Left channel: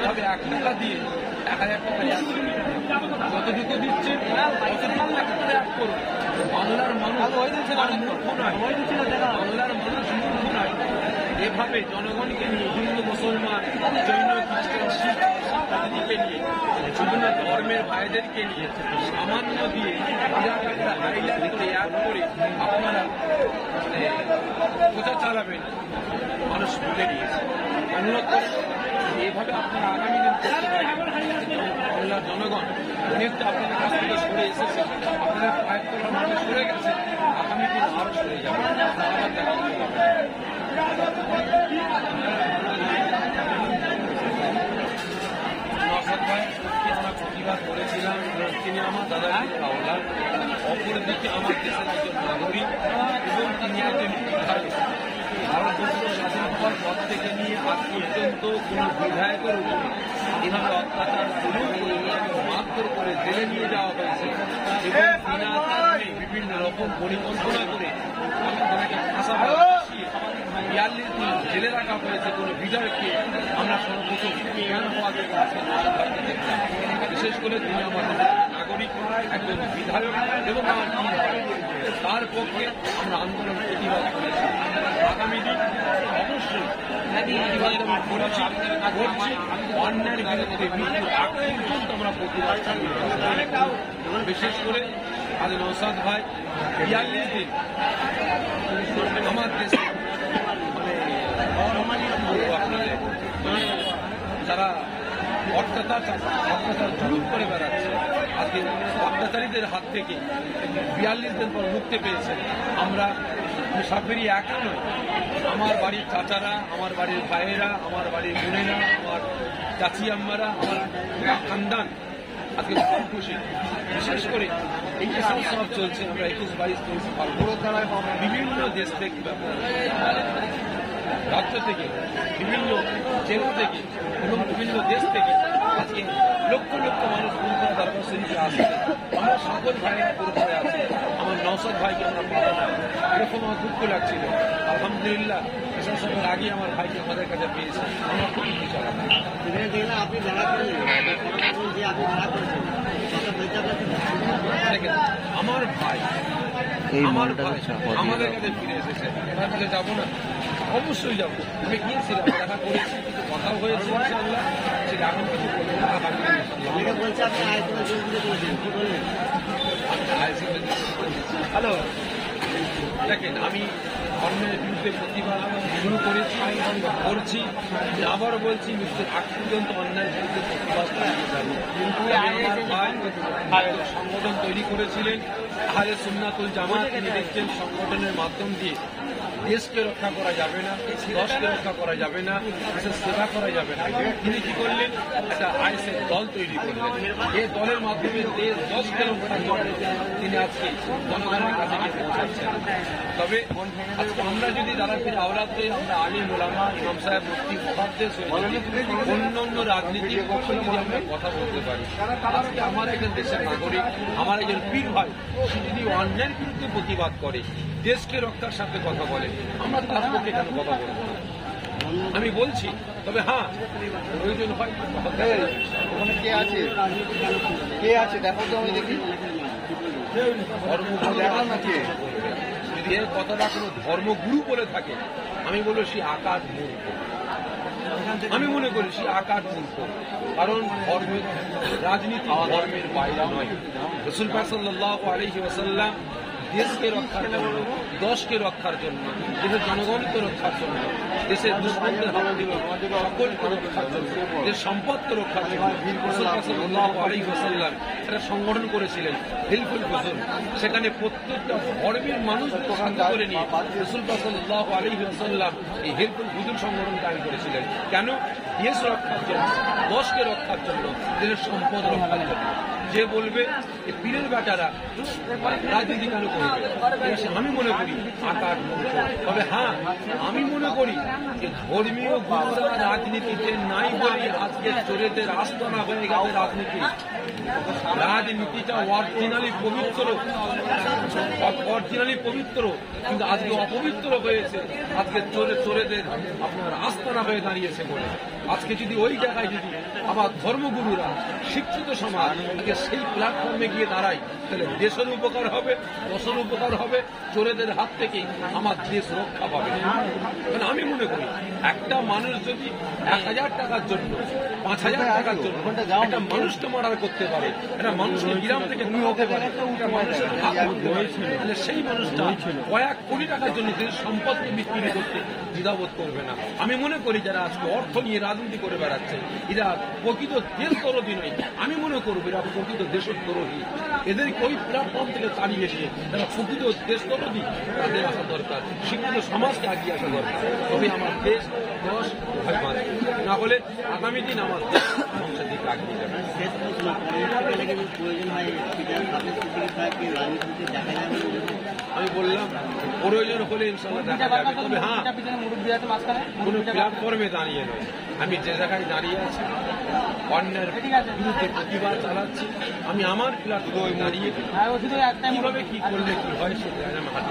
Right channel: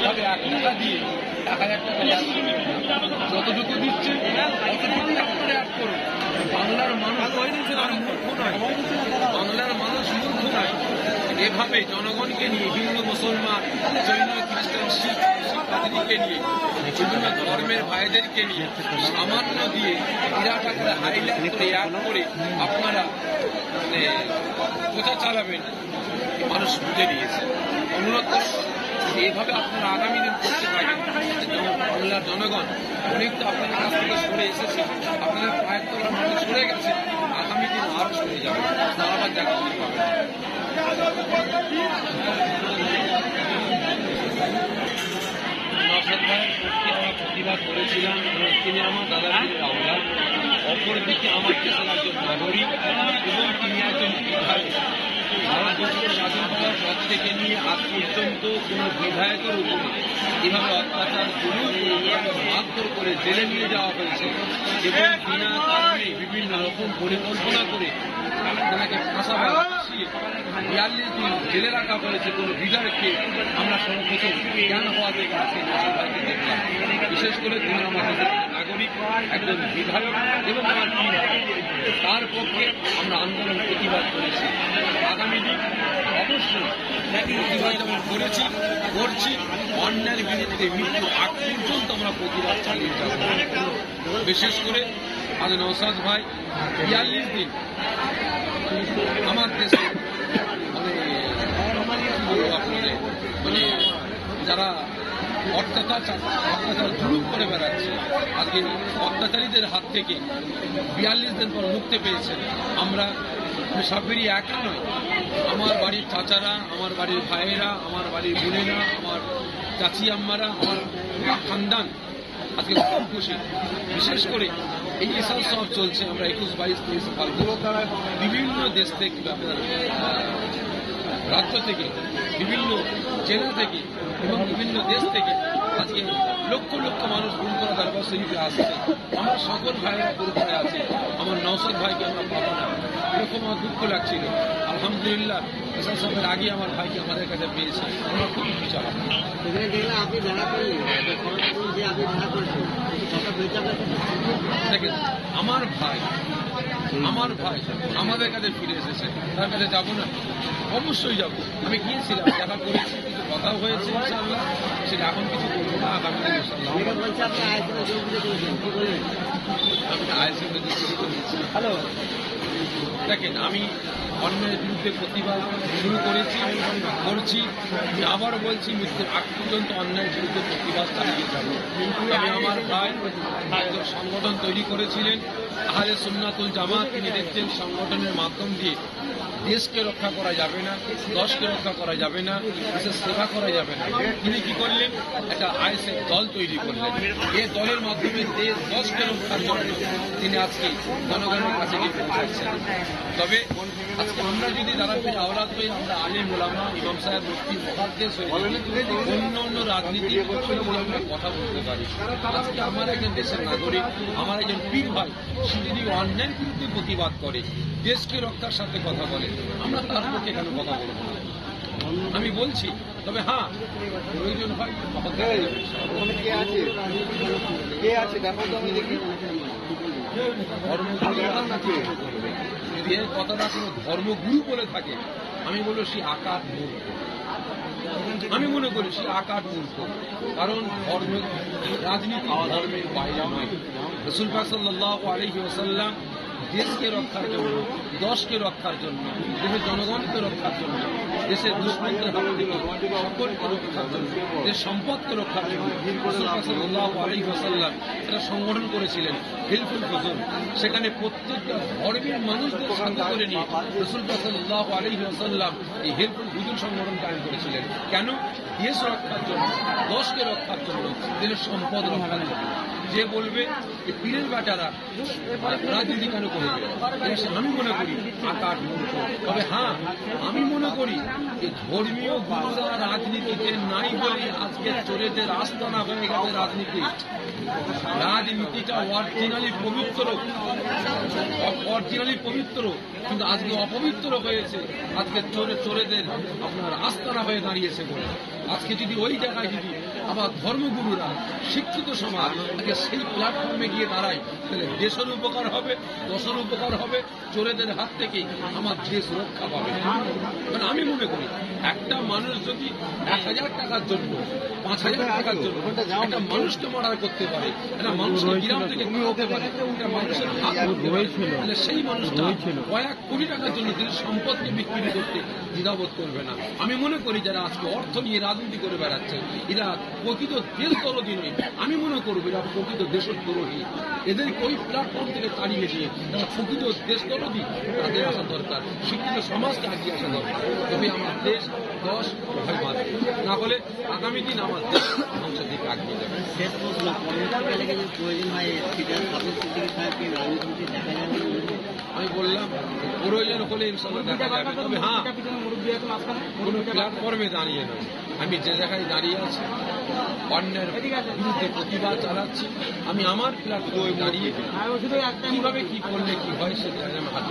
এইভাবে 1 টাকা দিয়ে 1000 টাকা অ্যাড করুন, যতটুকু দিচ্ছে ততটুকু আপনারা অ্যাড করুন। বাংলার মানুষ আর মূর্খ নয়, বাংলার মানুষ মূর্খ নয়। এভাবে জনগণকে নিয়ে হিন্দু, মুসলমান, জৈন, খ্রিস্টান, শিখ, পাদ্রীকে নিয়ে, বিভিন্ন ধর্মের ভাইদেরকে নিয়ে সামান্য দিয়ে বিরাট একটা হাইলাইট করে অ্যাড করে আপনারা প্রচার চালাবেন, মানুষ বুঝে নিয়েছে। অনুরোধ করব এইভাবে আপনারা আগামী দিন করতে থাকেন। বাংলার জনগণ অনেকটা আপনাদের কাছ থেকে সরে এসেছে, আপনাদের পায়ের তলার মানুষ সরে গেছে, আগামী দিন আরও সরে যাবে, আবার দেখা করতে পাবে। নওশাদ ভাইয়ের পক্ষে আমরা প্রতিবাদ করেছিলাম, তিনি আমার দাদাগিরির আওলাদ, অপরদিকে আমার দেশের একজন নাগরিক এবং তিনি একজন বিধায়ক। ভারতবর্ষ স্বাধীন হওয়ার পর থেকে নিয়ে আজ পর্যন্ত কোনো বিধায়কের উপরে এভাবে অত্যাচার জুলুম করে মারধর করে জেলে নিয়ে যাওয়া হয়েছে এবং বিনা কারণে বিভিন্ন রকম পরিকল্পনা করে তাকে ফাঁসাবার 42 দিন জেলে রাখা হয়েছে কোনো বিধায়ককে আমরা সর্বপ্রথম জ্ঞান হওয়া থেকে আজকে নওশাদ ভাইকে দেখলাম। বিশেষ করে তিনি আমাদের নাগরিক, একজন বিধায়ক এবং আমার পীর ভাই, তার পক্ষে আমরা আন্দোলন প্রতিবাদ করেছি। আগামী দিন অবশ্যই প্রতিবাদ যেমন করেছি করছি, অন্যায়ের বিরুদ্ধে মৃত্যুর আগ পর্যন্ত আমরা প্রতিবাদ চালিয়ে যাব। বিশেষ করে আজ নওশাদ ভাই 42 দিন আমার দেশে মানে যারা অত্যাচার জুলুম করে বেড়াচ্ছে, আজকে অত্যাচারীদের হাত থেকে 42 দিন পর মুক্তি পেয়েছেন। আমরা সাবেরি একা নয়, আমার বাড়ির চাচারা, আমার বাড়ির ভাইয়েরা, আমার বাড়ির বোনেরা, আমার চাচি আম্মারা, আমার খানদান আজকে খুব খুশি। বিশেষ করে এই এসব সব চলছে, আমরা 21, 22, 23 ফাল্গুন বিভিন্ন দেশ থেকে, আপনার রাজ্য থেকে, বিভিন্ন জেলা থেকে এবং বিভিন্ন দেশ থেকে আজকে লক্ষ লক্ষ মানুষ ফুলপুরা দরবার শরীফে আসছে। আমরা সকল ভাইয়েরা পুরোপুরে আছি, আমার নওশাদ ভাইকে আমরা পাবো না, এরকম আমার দুঃখ লাগছিল। আলহামদুলিল্লাহ এসব সবের আগে আমার ভাইকে আমাদের কাছে পেয়েছে, আমরা খুবই বিচার। দেখেন আমার ভাই আমাদের কাছে ফিরে এসেছে, তার কাছে যাবো না? অবশ্যই যাবো। আমি গিয়েছিলাম, দেখা করেছি, কিছু কথাও হয়েছে ইনশাআল্লাহ, সেটা এখন কিছু বলবো না, আগামী দিন ইনশাআল্লাহ। হ্যালো, দেখেন আমি অন্যের বিরুদ্ধে প্রতিবাদ শুরু করেছি, করছি, আবার বলছি মৃত্যুর আগ পর্যন্ত অন্যায়ের বিরুদ্ধে প্রতিবাদ চালিয়ে যাব। আমি আমার ভাই একজন সংগঠন তৈরি করেছিলেন আহলে সুন্নাতুল জামাত, তিনি দেখছেন সংগঠনের মাধ্যম দিয়ে দেশকে রক্ষা করা যাবে না, দশকে রক্ষা করা যাবে না, দেশের সেবা করা যাবে না। তিনি কি করলেন? একটা আইএসএফ দল তৈরি করলেন। এই দলের মাধ্যমে দেশ দশকে রক্ষার জন্য তিনি আজকে জনগণের কাছে গিয়ে পৌঁছাচ্ছেন। তবে আজকে আমরা যদি যারা ফিরে আওলাদ হই, আমরা আলিম ওলামা, ইমাম সাহেব, মুফতি, মুহাদ্দিস হয়ে যদি অন্য রাজনীতির পক্ষে যদি আমরা কথা বলতে পারি, আজকে আমার একজন দেশের নাগরিক, আমার একজন পীর ভাই, সে যদি অন্যায়ের বিরুদ্ধে প্রতিবাদ করে, দেশকে রক্ষার সাথে কথা বলে, আমরা তার পক্ষে কেন কথা বলবো না? আমি বলছি, তবে হ্যাঁ প্রয়োজন হয় তখন দেখা যাবে। যদি এর কথাটা কোনো ধর্মগুরু বলে থাকে, আমি বলবো সে আকার মূর্খ। আমি মনে করি সে আকার মূর্খ, কারণ রাজনীতি ধর্মের বাইরে নয়। রাসূল পাক সাল্লাল্লাহু আলাইহি ওয়াসাল্লাম দেশকে রক্ষার জন্য, দশকে রক্ষার জন্য, দেশের জনগণকে রক্ষার জন্য, দেশের দুশ্মনদের হাত থেকে সকলকে রক্ষার জন্য, দেশের সম্পদকে রক্ষার জন্য রাসূল পাক সাল্লাল্লাহু আলাইহি ওয়াসাল্লাম একটা সংগঠন করেছিলেন, হিলফুল ফুজুল। সেখানে প্রত্যেকটা ধর্মের মানুষদের সাথে করে নিয়ে রাসূল পাক সাল্লাল্লাহু আলাইহি ওয়াসাল্লাম এই হিলফুল ফুজুল সংগঠন কায়েম করেছিলেন। কেন? দেশ রক্ষার জন্য, দশকে রক্ষার জন্য, দেশের সম্পদ রক্ষার জন্য। যে বলবে যে পীরের বেটারা রাজনীতি কেন করবে, আমি মনে করি আকার মূর্খ। তবে হ্যাঁ, আমি মনে করি যে ধর্মীয় গুরুরা রাজনীতিতে নাই বলেই আজকে চোরেদের আস্তানা হয়ে গেছে রাজনীতি। রাজনীতিটা অরিজিনালি পবিত্র, কিন্তু আজকে অপবিত্র হয়েছে। আজকে চোরেদের আপনার আস্তানা হয়ে দাঁড়িয়েছে বলে আজকে যদি ওই জায়গায় যদি আবার ধর্মগুরুরা শিক্ষিত সমাজ আজকে সেই প্ল্যাটফর্মে গিয়ে দাঁড়ায়, তাহলে দেশের উপকার হবে, দশের উপকার হবে, চোরেদের হাত থেকে আমার দেশ রক্ষা পাবে। কারণ আমি মনে করি একটা মানুষ যদি 1000 টাকার জন্য 5000 টাকার জন্য একটা মানুষকে মার্ডার করতে পারে, একটা মানুষকে গ্রাম থেকে তুলতে পারে, একটা মানুষের হাত ধরতে পারে, তাহলে সেই মানুষটা কয়েক কোটি টাকার জন্য দেশের সম্পদকে বিক্রি করতে দ্বিধাবোধ করবে না। আমি মনে করি যারা আজকে অর্থ নিয়ে রাজনীতি করে বেড়াচ্ছে এরা প্রকৃত দেশদ্রোহী নয়, আমি মনে করবো এরা প্রকৃত দেশদ্রোহী। এদেরকে ওই প্ল্যাটফর্ম থেকে তাড়িয়ে দিয়ে যারা প্রকৃত দেশদ্রোহী তাদের আসা দরকার, শিক্ষিত সমাজকে আগিয়ে আসা দরকার। তবে আমার দেশ দশ ভাই বাঁধবে, না হলে আগামী দিন আমার দেশ ধ্বংসের দিকে আগিয়ে যাবে। আমি বললাম প্রয়োজন হলে ইনশাল্লাহ দেখা যাবে। তবে হ্যাঁ, কোনো প্ল্যাটফর্মে দাঁড়িয়ে নয়, আমি যে জায়গায় দাঁড়িয়ে আছি অন্যের বিরুদ্ধে প্রতিবাদ চালাচ্ছি, আমি আমার প্ল্যাটফর্মে দাঁড়িয়ে কিভাবে কি করলে কি হয় সেটা আমি হাত